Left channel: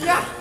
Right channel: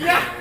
Yeah.